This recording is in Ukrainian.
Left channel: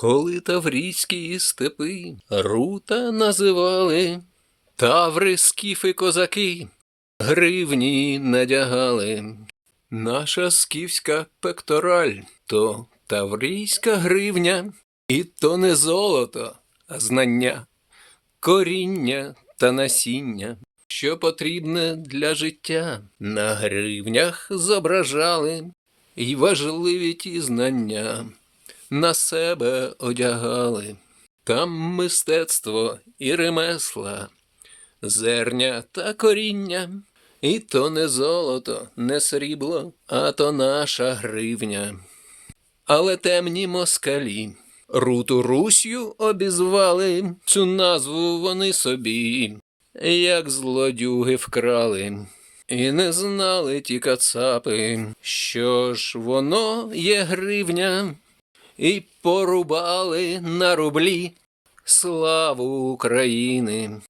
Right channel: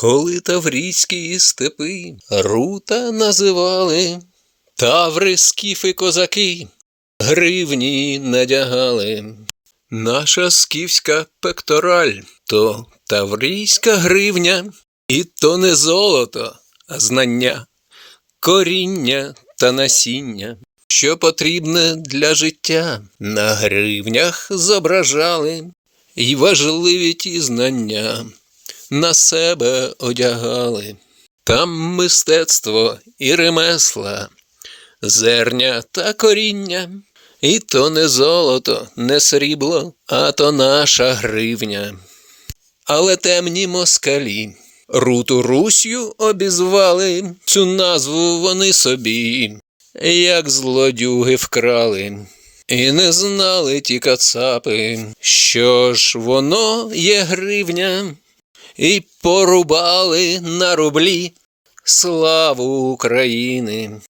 Коли таврійські степи рута називали, таври, скіфи, козаки гривні надягали. Наша скіфська пектораль – то таврійська гривня, і то не золото, а знання, коріння та насіння, що потрібне для життя, на гривнях зображали, й важливі ті знання на себе одягали. Там мистецтво і ремесла, зерня та коріння, і то не золото, не срібло, а то наша гривня. Але темні москалі руту Руссю обізвали, цю назву вони собі, як злодюги вкрали. І не знали ті кацапи, що ж воно є гривня, і порубали на рублі славу України.